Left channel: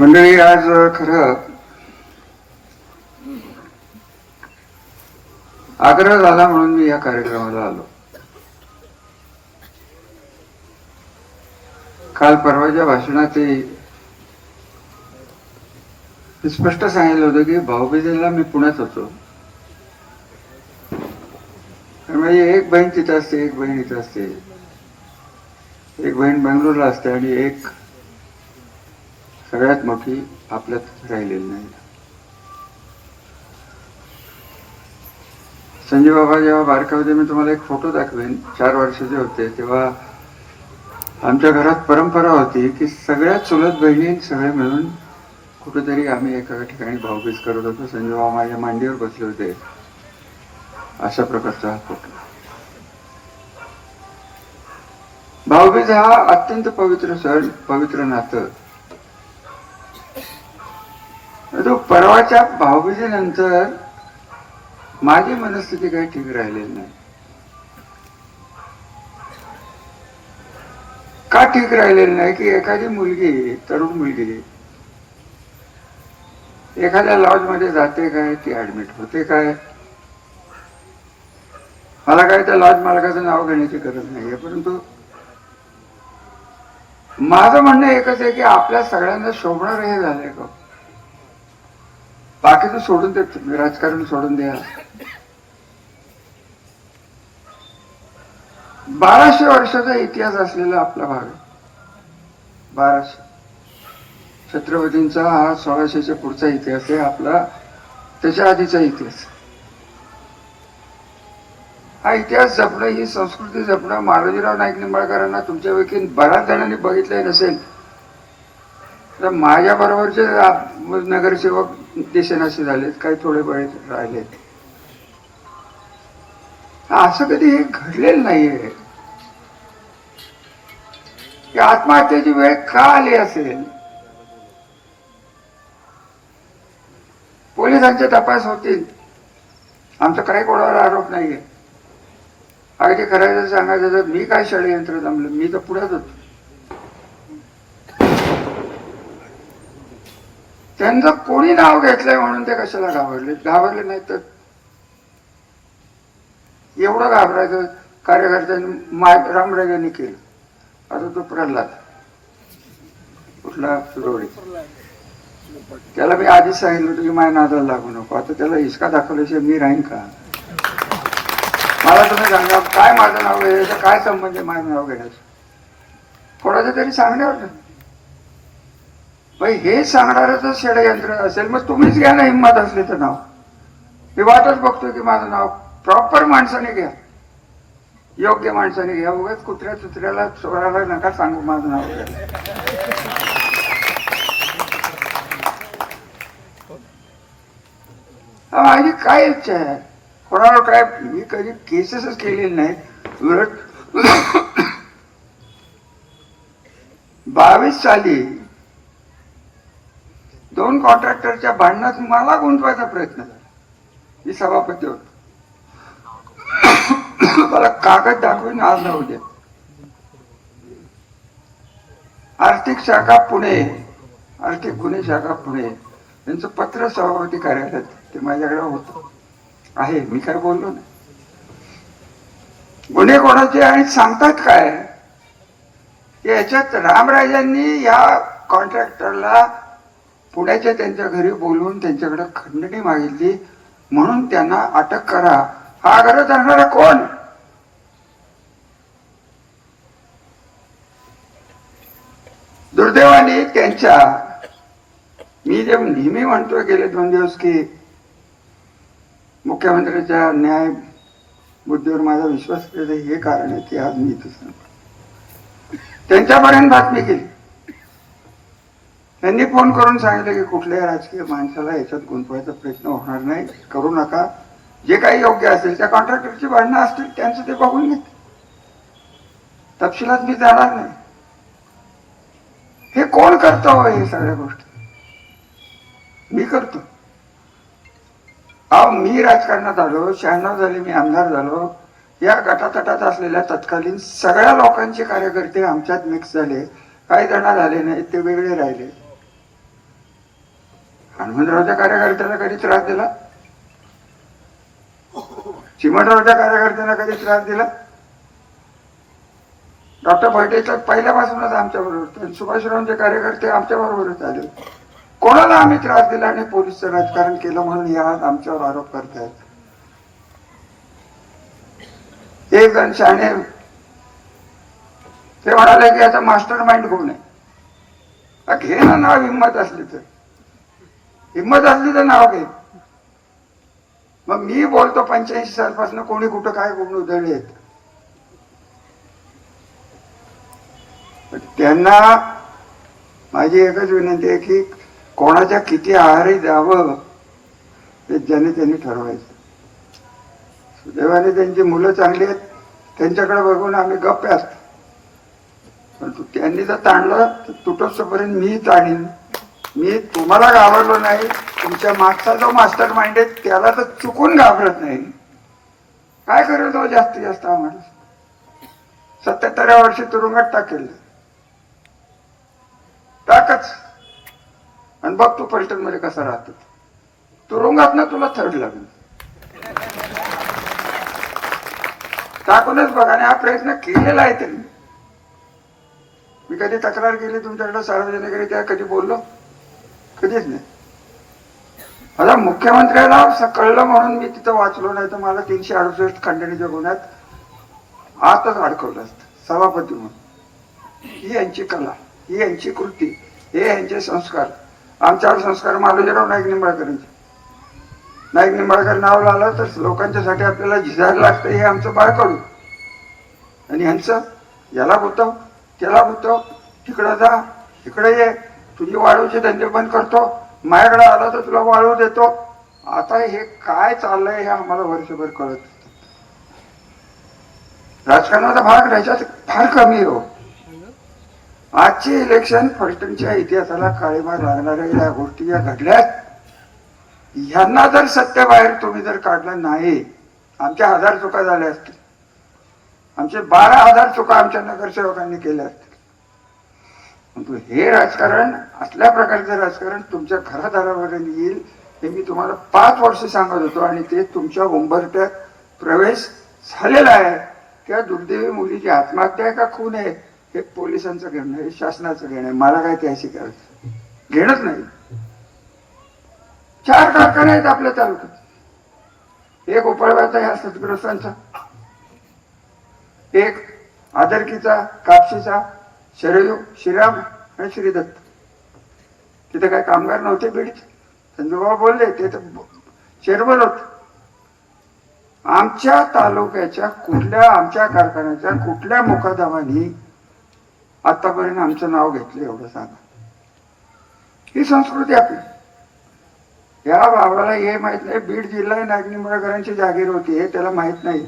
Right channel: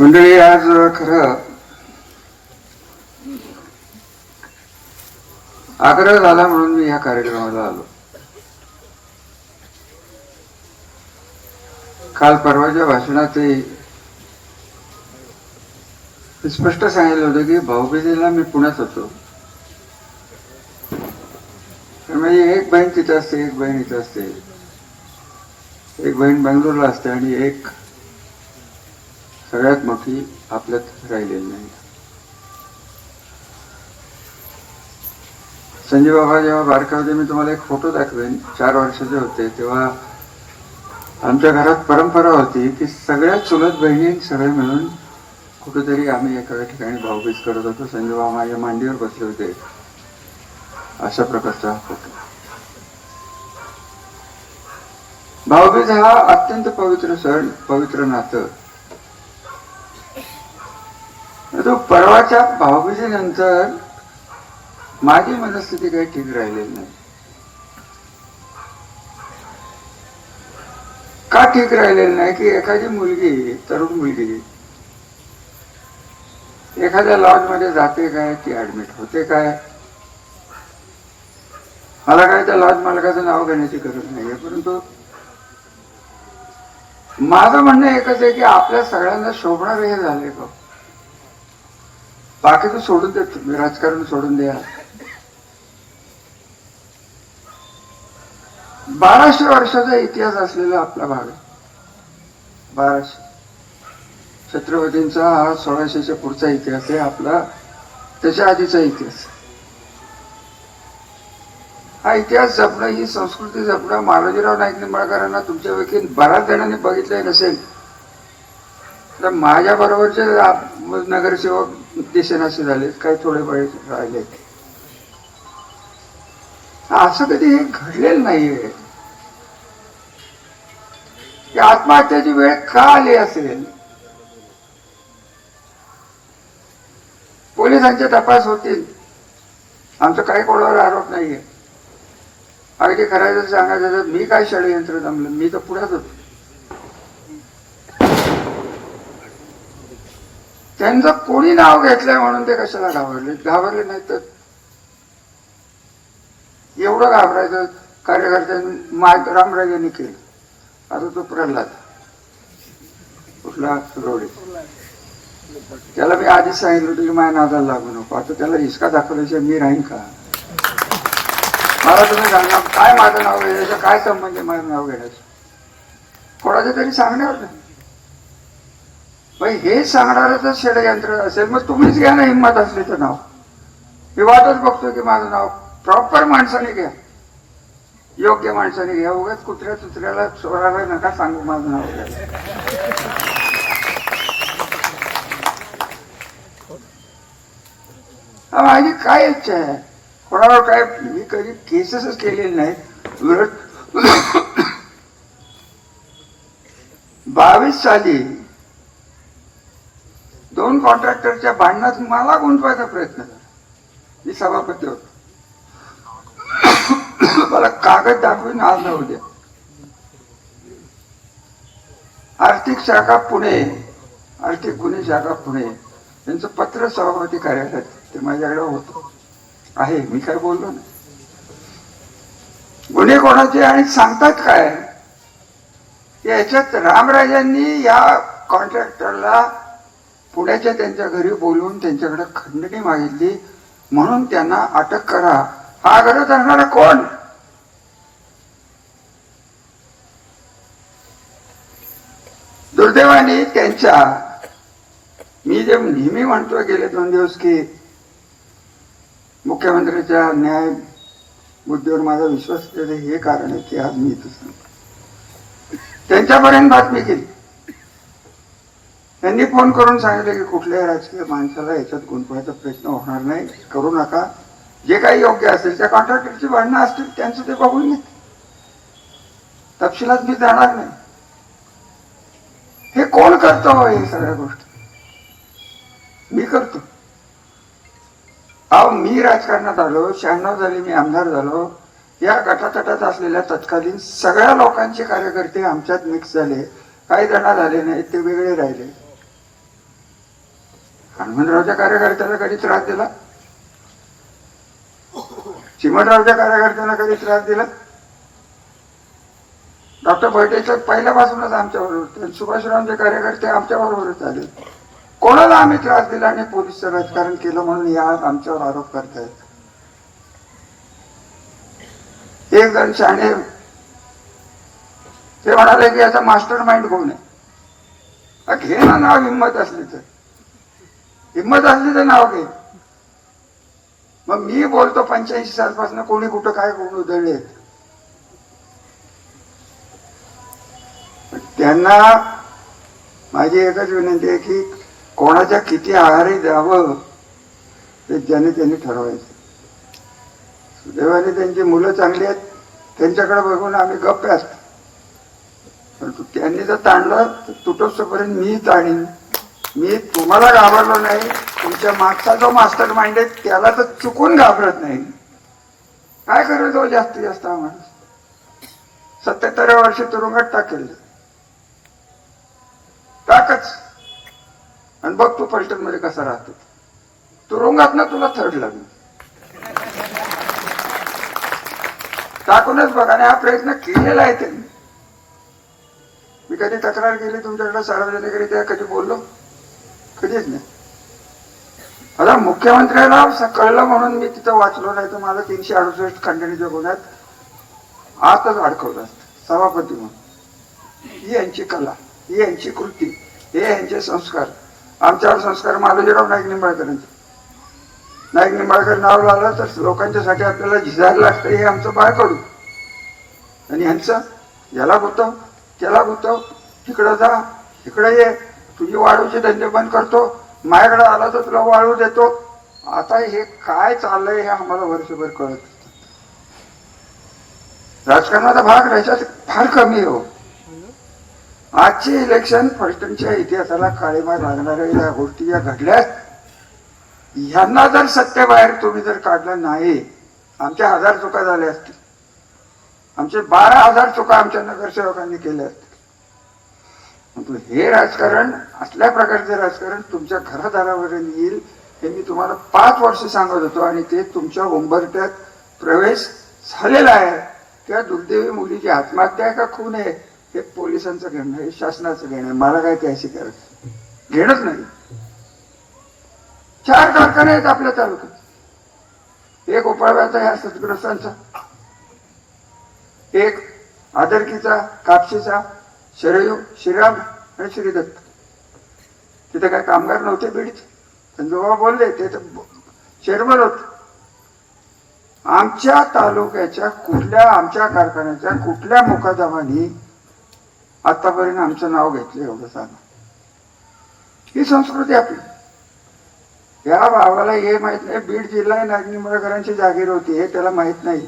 मंडळी आज खरं आग्रह झाला म्हणून मी या कार्यक्रमाला आलो. काल परवाच्या भाषणातही स्पष्ट सांगितलं होतं की भाऊबीजेला मी पुण्यात होतो. तर माझी एक बहीण तिथं असते एक बहीण इथं असते. एक बहीण बेंगलोरला असते आणि एक सगळ्यात मोठी आपल्यात राहिलेली नाही. संजय बाबा जेव्हा बारका होते मी तुम्हाला एक फोटो दाखवेन. चार वर्षाचे होते. तेव्हा आमच्या घरात परंपरा होती की सगळ्या चुलत बहिणी सगळे मिळून कुठेतरी आम्ही एका ठिकाणी भाऊबीज करत होतो. संजय बाबा माझ्या मांडीवर बसले होते. अशा प्रकारचा फोटो भाऊबीज हा अत्यंत पवित्र सण पवित्र नातं. तो परवाच्या भाऊबीजेनंतर माझी मनस्थिती काही ठीक राहिलेली नाही. का ठीक राहिलेली नाही? की एखादी मुलगी तरुण मुलगी एखाद्या लॉजमध्ये जाते काय ती ऍडमिट होते काय मला काय त्या लॉज मालकाचं नाव घेण्याची गरज नाहीये. परंतु माझं म्हणणं एकच आहे की आपल्या सगळ्यांना शोभणार हे झालंय का? बाकीचं सोडून दे राजकारण सोडून द्या बाराशे वर्षाचा इतिहास असलेला आपला भाग आहे. बाराशे. छत्रपतींचा हा सोळाशेच्या पुढचा इतिहास आहे आपला त्याच्या आधीचा इतिहास हा इतिहास जपणं ही संस्कृती जपणं मालोजीराव नाईक निंबाळकरांना तुमच्यापैकी बऱ्याच जणांनी बघितलंही नसेल. तर माझ्या बरोबरचे नगरसेवक दिसेनासे झालेत काही थोडे बळे राहिलेत असं कधी हे घडलेलं नाहीये. की आत्महत्याची वेळ का आली असेल? पोलिसांचे तपास होतील. आमचं काही कोणावर आरोप नाहीये. अगदी करायचं सांगायचं तर मी काय षडयंत्र जमलं? मी तर पुढे होतो. त्यांचं कोणी नाव घेतलंय म्हणून ते कशाला घाबरले? घाबरले नाही तर? एवढं घाबरायचं कार्यकर्त्यांनी मा रामराजांनी केलं. आता तो प्रल्हाद. कुठला? सुरवडे. त्याला मी आधीच सांगितलं होतं की माझ्या नादाला लागू नको. आता त्याला हिसका दाखवल्याशिवाय मी राहीन का? मला तुम्ही सांगा काय माझं नाव घ्यायचं? काय संबंध आहे माझं नाव घेण्याचं? कोणाचं तरी सांगण्यावर? नाही. हे सांगणार जर षडयंत्र असेल मग तुम्हीच घ्या ना हिंमत असली तर नाव. मी वाटच बघतोय की माझं नाव प्रॉपर माणसाने घ्या. योग्य माणसाने घ्या. उगाच कुत्र्या चुत्र्याला चोराला नका सांगू माझं नाव. माझी काय इच्छा आहे? कोणावर काय मी कधी केसेसच केलेली नाही उलट बावीस साली दोन कॉन्ट्रॅक्टरच्या भांडणात मला गुंतवायचा प्रयत्न झाला. मी सभापती होतो. मला कागद दाखवून आज ना उद्या. आर्थिक शाखा पुणे. आर्थिक गुन्हे शाखा पुणे. यांचं पत्र सभापती कार्यालयात ते माझ्याकडे होतं. आहे मी काय बोललो ना गुन्हे कोणाचे आणि सांगतात काय? याच्यात रामराजांनी या कॉन्ट्रॅक्टरला पुण्याच्या त्यांच्या घरी बोलवून त्यांच्याकडे खंडणी मागितली. म्हणून त्यांना अटक करा. हा आग्रह धरणारा कोण? दुर्दैवाने त्यांच्या मी जे नेहमी म्हणतोय गेले दोन दिवस की मुख्यमंत्र्यांच्या न्याय बुद्धीवर माझा विश्वास असलेलं हे कारण आहे की आज मी इथं सांगतो. त्यांच्यापर्यंत बातमी केली त्यांनी फोन करून सांगितलं की कुठल्याही राजकीय माणसाला याच्यात गुंतवायचा प्रयत्न होणार नाही. करू नका. जे काही योग्य असेल त्या कॉन्ट्रॅक्टरची भांडणं असतील त्यांचं ते बघून घेत तपशिलात मी जाणार नाही. हे कोण करतो हो हे सगळ्या गोष्टी? मी करतो. अहो मी राजकारणात आलो शहाण्णव झाले मी आमदार झालो. या गटातटात असलेल्या तत्कालीन सगळ्या लोकांचे कार्यकर्ते आमच्यात मिक्स झाले. काही जण झाले नाहीत ते वेगळे राहिले. हनुमंतरावच्या कार्यकर्त्याला कधी त्रास दिला? चिमटरावच्या कार्यकर्त्यांना कधी त्रास दिला? डॉक्टर भैटेचं पहिल्यापासूनच आमच्या बरोबर सुभाषरावांचे कार्यकर्ते आमच्या बरोबरच आले कोणाला आम्ही त्रास दिला आणि पोलीसचं राजकारण केलं म्हणून या आमच्यावर आरोप करतायत? एक जण शाणे. ते म्हणाले की याचा मास्टर माइंड कोण आहे घेणं नाव हिंमत असली तर. हिंमत असली तर नाव घे. मग मी बोलतो पंच्याऐंशी सालपासून कोणी कुठं काय कोण उधळले. आहेत त्यांना माझी एकच विनंती आहे की कोणाच्या किती आहारी जावं ते ज्याने त्यांनी ठरवायचं. सुदैवाने त्यांची मुलं चांगली आहेत. त्यांच्याकडे बघून आम्ही गप्प असतो. परंतु त्यांनी जर ताणलं तर तुटोपर्यंत मी ताणीन. मी तुम्हाला घाबरलो नाही. तुमच्या मागचा जो मास्टर माइंड आहे त्याला तर चुकून घाबरत नाही. काय करेल तो हो जास्तीत जास्त माणूस सत्याहत्तराव्या वर्षी तुरुंगात टाकेल. टाकच. आणि बघ तू पलटनमध्ये कसा राहतो. तुरुंगात ना तुला थर्ड लागेल. टाकूनच बघा आणि हा प्रयत्न केलेला आहे त्यांनी. मी कधी तक्रार केली तुमच्याकडे सार्वजनिकरित्या कधी बोललो? कधीच नाही. आता मुख्यमंत्र्याला स- कळलं म्हणून मी तिथं वाचलो नाही तर मला तीनशे अडुसष्ट खंडणीच्या गुन्ह्यात आतच अडकवलं असतं. सभापती म्हणून. ही यांची कला ही यांची कृती हे यांचे संस्कार. आमच्यावर संस्कार मालोजीराव नाईक निंबाळकरांचे. नाईक निंबाळकर नाव लावलं तर लोकांच्यासाठी आपल्याला झिजायला लागतं हे आमचं बाळकडू. आणि यांचं याला गुतव त्याला गुतव तिकडं जा इकडे ये. तुझी वाळूचे धंदे बंद करतो. माझ्याकडे आला तर तुला वाळू देतो. आता हे काय चाललंय हे आम्हाला वर्षभर कळत राजकारणाचा भाग राज्यात फार कमी आहे हो. आजची इलेक्शन फलटणच्या इतिहासाला काळेमार लागणाऱ्या या गोष्टी या घडल्यात. ह्यांना जर सत्य बाहेर तुम्ही जर काढलं नाही आमच्या हजार चुका झाल्या असतील. आमचे बारा हजार चुका आमच्या नगरसेवकांनी केल्या असतील. हे राजकारण असल्या प्रकारचे राजकारण तुमच्या घरादारापर्यंत येईल हे मी तुम्हाला पाच वर्ष सांगत होतो आणि ते तुमच्या उंबरट्यात प्रवेश झालेला आहे. त्या दुर्दैवी मुलीची आत्महत्या आहे का खून आहे? हे पोलिसांचं घेणं हे शासनाचं घेणं मला काय त्याशी करायचं? घेणंच नाही. चार कारखाने आहेत आपल्या तालुक्यात. एक उपळव्याचा ह्या सदग्रस्तांचा एक आदरकीचा कापशीचा. शरयू श्रीराम आणि श्रीदत्त. तिथे काय कामगार नव्हते बीडचे? संजोबा बोलले ते तर चेअरमन होते. आमच्या तालुक्याच्या कुठल्या आमच्या कारखान्याच्या कुठल्या मुकादमानी आतापर्यंत आमचं नाव घेतलं एवढं सांगा. ही संस्कृती आपली. या भावाला हे माहीत नाही बीड जिल्हा नागनिंबळकरांची जागीर होती हे त्याला माहीत नाही.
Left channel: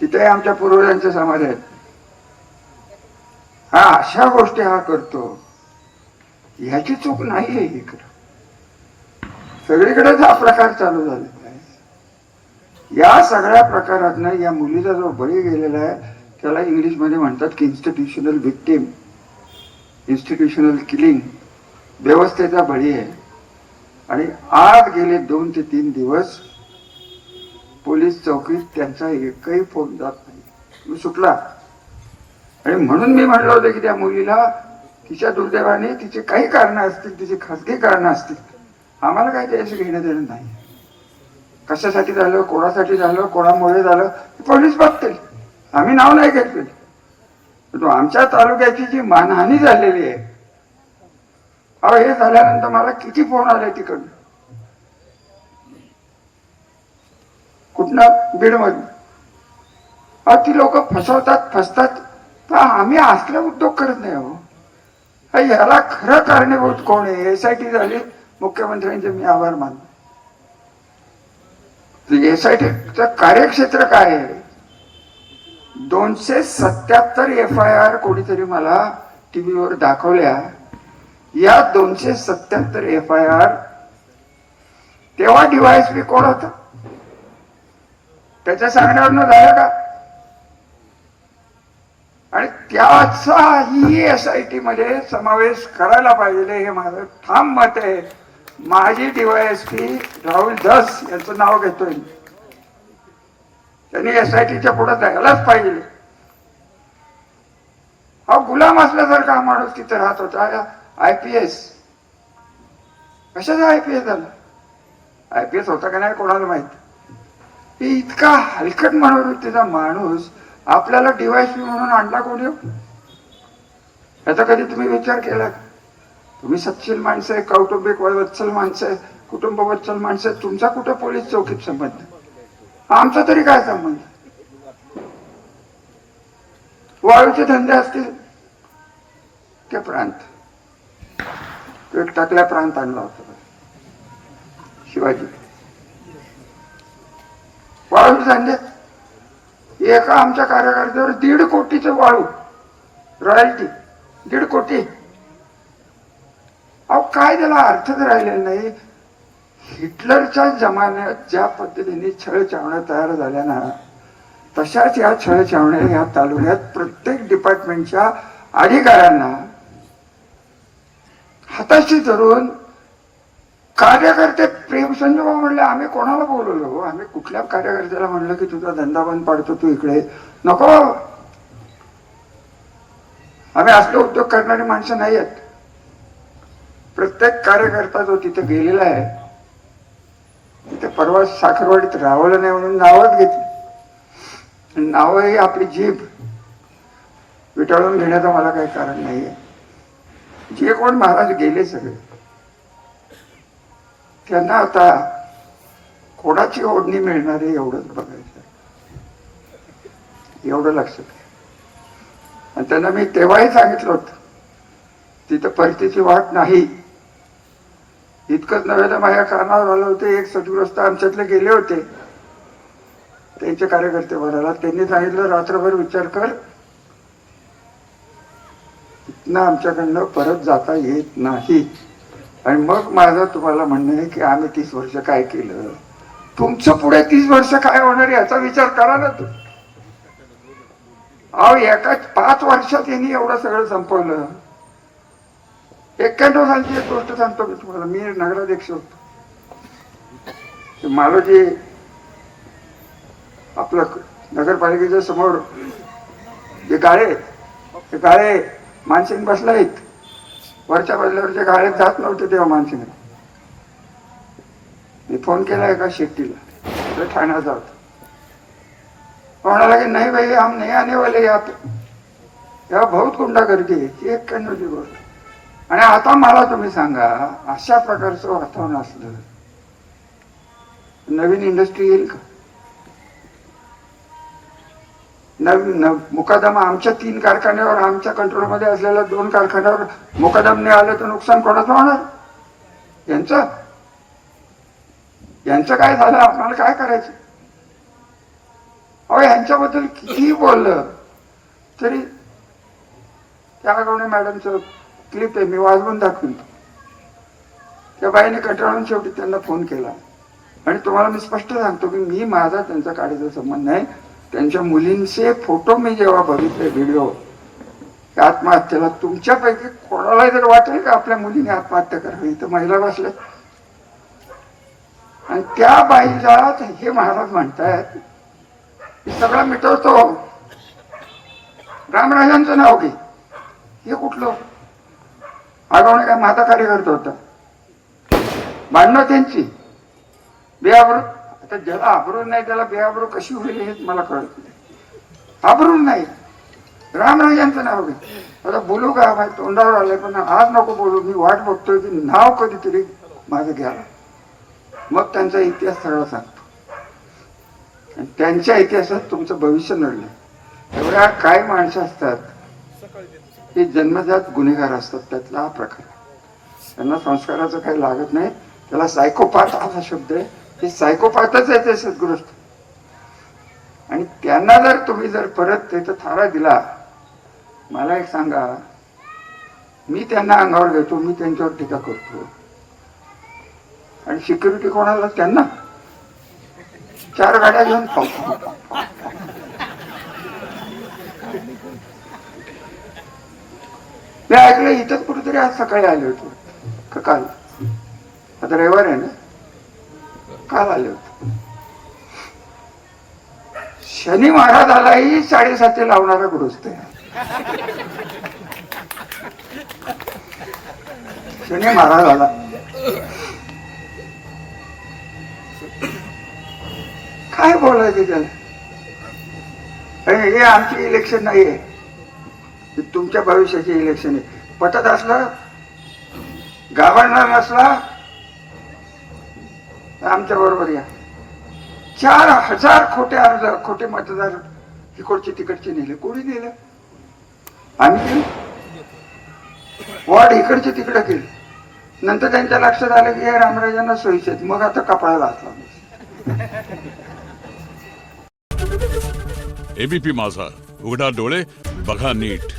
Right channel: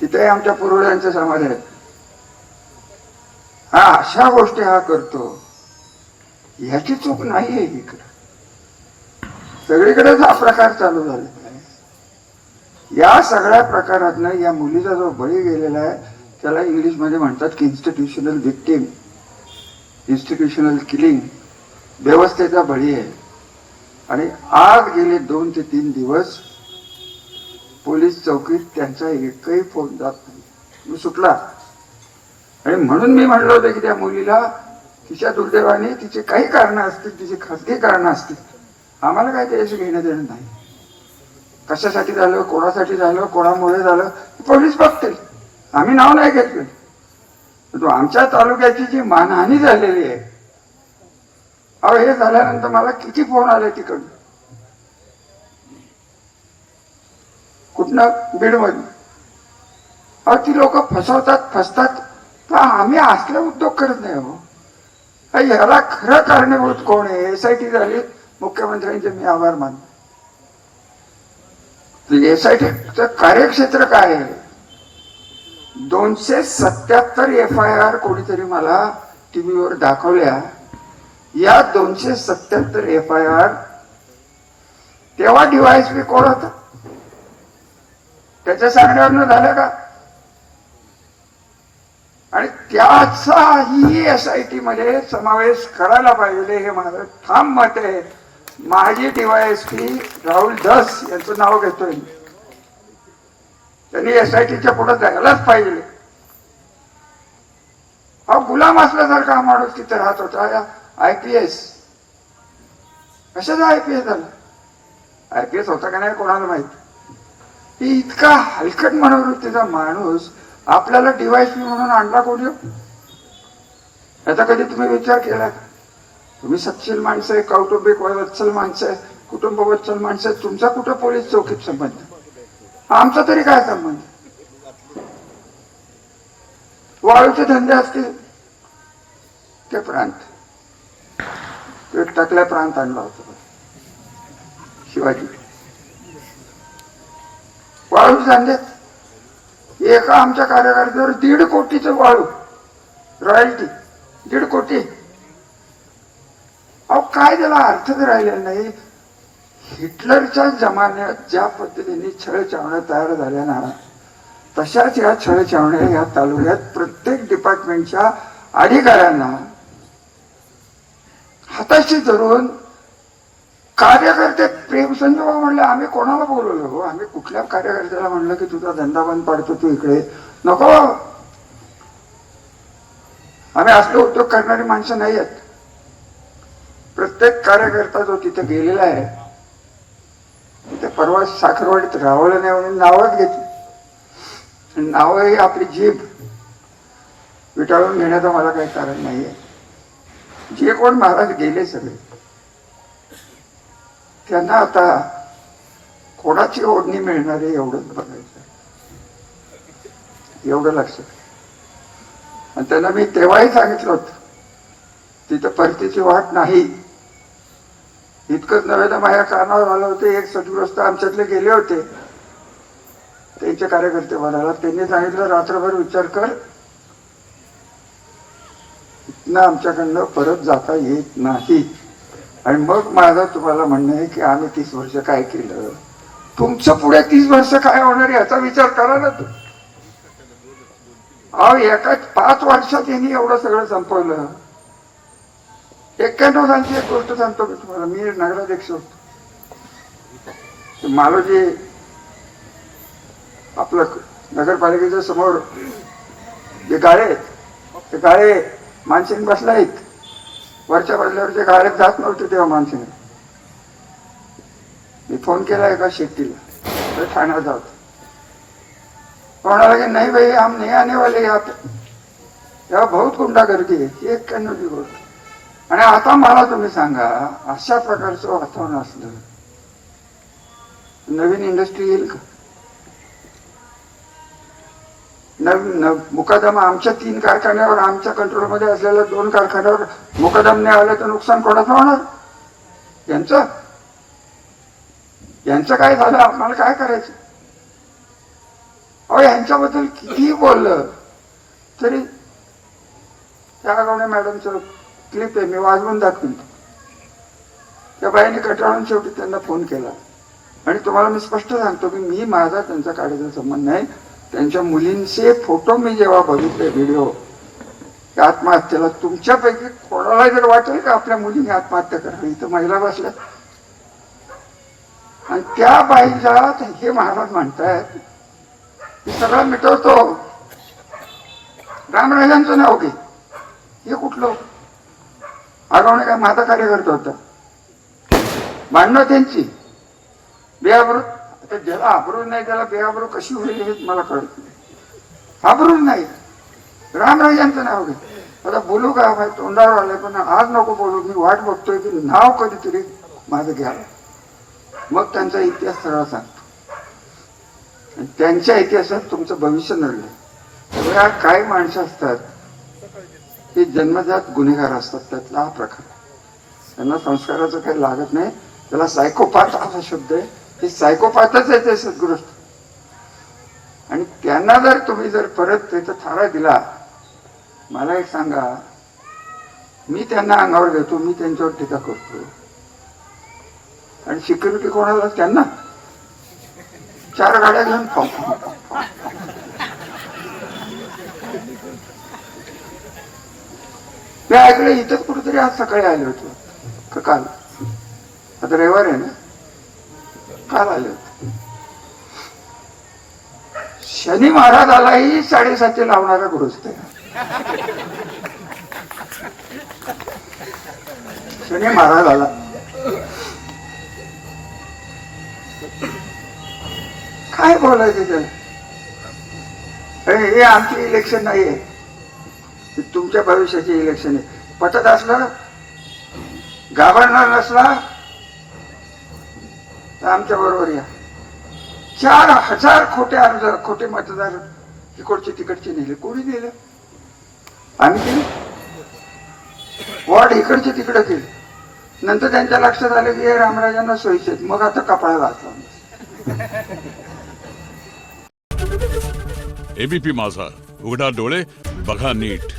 तिथेही आमच्या पूर्वजांचे समाज आहेत. हा अशा गोष्टी हा करतो. ह्याची चूक नाही आहे इकडं. सगळीकडेच हा प्रकार चालू झालेला आहे. या सगळ्या प्रकारातनं या मुलीचा जो बळी गेलेला आहे त्याला इंग्लिशमध्ये म्हणतात की इन्स्टिट्युशनल विक्टीम इन्स्टिट्युशनल किलिंग व्यवस्थेचा बळी आहे. आणि आज गेले दोन ते तीन दिवस पोलीस चौकीत त्यांचा एकही फोन जात नाही. मी सुटला? आणि म्हणून मी म्हणलं होतं की त्या मुलीला तिच्या दुर्दैवाने तिचे काही कारण असतील तिची खासगी कारण असतील. आम्हाला काय त्याशी घेणं देणं नाही. कशासाठी झालं कोणासाठी झालं कोणामुळे झालं पोलीस बघतील आम्ही नाव नाही घेतले. परंतु आमच्या तालुक्याची जी मानहानी झालेली आहे अहो हे झाल्यानंतर मला किती फोन आले तिकडून. कुठनं? बीडमधून. अहो ती लोक फसवतात फसतात. आम्ही असले उद्योग करत नाही हो. ह्याला खरं कारणीभूत कोण आहे? एस आय टी झाली मुख्यमंत्र्यांचे मी आभार मानतो. एस आय टीचं कार्यक्षेत्र काय आहे? दोनशे सत्याहत्तर एफ आय आर कोणीतरी मला टीव्हीवर दाखवल्या. या दोनशे सत्याहत्तर एफ आय आर तेव्हा डीवायएसपी कोण होता? त्याच्या सांगण्यावरनं झालं का? आणि त्याचाही एस आय टी मध्ये समावेश करायला पाहिजे हे माझं ठाम मत आहे. माझी डीवायएसपी राहुल धस यांचं नाव घेतोय त्यांनी एस आय टीच्या पुढे जायलाच पाहिजे. हा गुलाम असल्यासारखा हा माणूस तिथे राहत होता आय पी एस कशाचा आय पी एस झाला? आय पी एस होता का नाही कोणाला माहीत? ती इतका हलकट मनोवृत्तीचा माणूस आपल्याला डीवायएसपी म्हणून आणला कोणी? याचा कधी तुम्ही विचार केला? तुम्ही सक्षील माणसं आहे कौटुंबिक वत्सल माणसं आहे कुटुंब वत्सल माणसं आहे तुमचा कुठं पोलीस चौकीत संबंध? आमचा तरी काय संबंध? वाळूचे धंदे असतील ते प्रांत. एक टाकल्या प्रांत आणला होता. शिवाजी. वाळूचे धंदे? एका आमच्या कार्यकर्त्यावर दीड कोटीचं वाळू रॉयल्टी दीड कोटी. अहो काय त्याला अर्थच राहिलेला नाही? हिटलरच्या जमान्यात ज्या पद्धतीने छळ चावण्या तयार झाल्या ना तशाच या छळ चावण्या या तालुक्यात प्रत्येक डिपार्टमेंटच्या अधिकाऱ्यांना हाताशी धरून कार्यकर्ते प्रेम संजोबा म्हणले आम्ही कोणाला बोलवलो हो? आम्ही कुठल्या कार्यकर्त्याला म्हणलं की तुझा धंदा बंद पाडतो तू इकडे? नको. आम्ही असले उद्योग करणारी माणसं नाही आहेत प्रत्येक कार्यकर्ता जो तिथे गेलेला आहे तिथे परवा साखरवाडीत रावलं नाही म्हणून नावच घेतली. नाव ही आपली जीभ. विटाळून घेण्याचं मला काही कारण नाहीये. जे कोण महाराज गेले सगळे. त्यांना आता कोणाची ओढणी मिळणार आहे एवढंच बघायचं. एवढं लक्षात आणि त्यांना मी तेव्हाही सांगितलं होतं तिथं परतीची वाट नाही. इतकंच नव्हे तर माझ्या कानावर आलं होते एक सदग्रस्त आमच्यातले गेले होते. त्यांचे कार्यकर्ते म्हणाला त्यांनी सांगितलं रात्रभर विचार कर. इथनं आमच्याकडनं परत जाता येत नाही. आणि मग माझं तुम्हाला म्हणणं आहे की आम्ही तीस वर्ष काय केलं? तुमचं पुढे तीस वर्ष काय होणार याचा विचार करा ना तू अहो एका पाच वर्षात यांनी एवढं सगळं संपवलं. एक्क्याण्णव सालची एक गोष्ट सांगतो मी तुम्हाला? मी नगराध्यक्ष होतो. ते मालोजी आपलं नगरपालिकेच्या समोर जे गाळे आहेत, ते गाळे मानसिंग बसला आहेत. वरच्या बाजल्यावरचे गाळे जात नव्हते तेव्हा माणसाने. मी फोन केला एका शेट्टीला. तर ठाण्याला जात. कोणाला की नाही भाई हम नाही आने वाले यात तेव्हा बहुत गुंडागर्दी आहे. ती एक नव्हती गोष्ट. आणि आता मला तुम्ही सांगा अशा प्रकारचं वातावरण असलं नवीन इंडस्ट्री येईल का? नवीन मुकादमा आमच्या तीन कारखान्यावर आमच्या कंट्रोलमध्ये असलेल्या दोन कारखान्यावर मुकादम नाही आलं तर नुकसान कोणाचं होणार? यांचं? यांचं काय झालं? आम्हाला काय करायचं? अहो यांच्याबद्दल कितीही बोललं तरी त्या गावणे मॅडमचं क्लिप आहे मी वाजवून दाखवून. त्या बाईने कंटाळून शेवटी त्यांना फोन केला. आणि तुम्हाला मी स्पष्ट सांगतो की मी माझा त्यांचा काढायचा संबंध नाही. त्यांच्या मुलींचे फोटो मी जेव्हा बघितले व्हिडिओ त्या आत्महत्येला तुमच्यापैकी कोणाला जर वाटेल का आपल्या मुलीने आत्महत्या करावी? तर महिला बसल्या. आणि त्या बाईला हे महाराज म्हणतायत मी सगळं मिटवतो. रामराजांचं नाव घे. हे कुठलं? आगवणे काय माझा कार्यकर्ता होता. भांडणं त्यांची. बेआबरू आता ज्याला आबरू नाही त्याला बेआबरू कशी होईल हेच मला कळत नाही. आबरू नाही. रामराज यांचं नाव घे. आता बोलू का? माझ्या तोंडावर आलं पण आज नको बोलू. मी वाट बघतोय की नाव कधीतरी माझं घ्यावं. मग त्यांचा इतिहास सगळा सांगतो. आणि त्यांच्या इतिहासात तुमचं भविष्य नडलं. सगळ्या काय माणसं असतात ते जन्मजात गुन्हेगार असतात. त्यातला हा प्रकार. त्यांना संस्काराचं काही लागत नाही. त्याला सायकोपाथ असा शब्द आहे. ते सायकोपाथच आहे ते सद्गृष्ट आणि त्यांना जर तुम्ही जर परत त्याचा थारा दिला मला एक सांगा मी त्यांना अंगावर घेतो मी त्यांच्यावर टीका करतो. आणि सिक्युरिटी कोणाला? त्यांना. चार गाड्या घेऊन पाहतो मी ऐकलं इथंच कुठेतरी आज सकाळी आले होते. का काल? आता रविवार आहे ना? काल आले होते शनी महाराजालाही साडेसातशे लावणारा गृहस्थ आहे. शनी महाराजाला. काय बोलायचं त्याला? हे आमचे इलेक्शन नाही आहे तुमच्या भविष्याचे इलेक्शन आहे. पटत असलं घाबरणार नसला आमच्या बरोबर या. चार हजार खोटे अर्ज खोटे मतदार इकडचे तिकडचे नेले. कोणी नेले? आम्ही केले. वॉर्ड इकडचे तिकडे केले. नंतर त्यांच्या लक्षात आलं की हे रामराजांना सोयीचे मग आता कपाळा घातला एबीपी माझा. उघडा डोळे बघा नीट.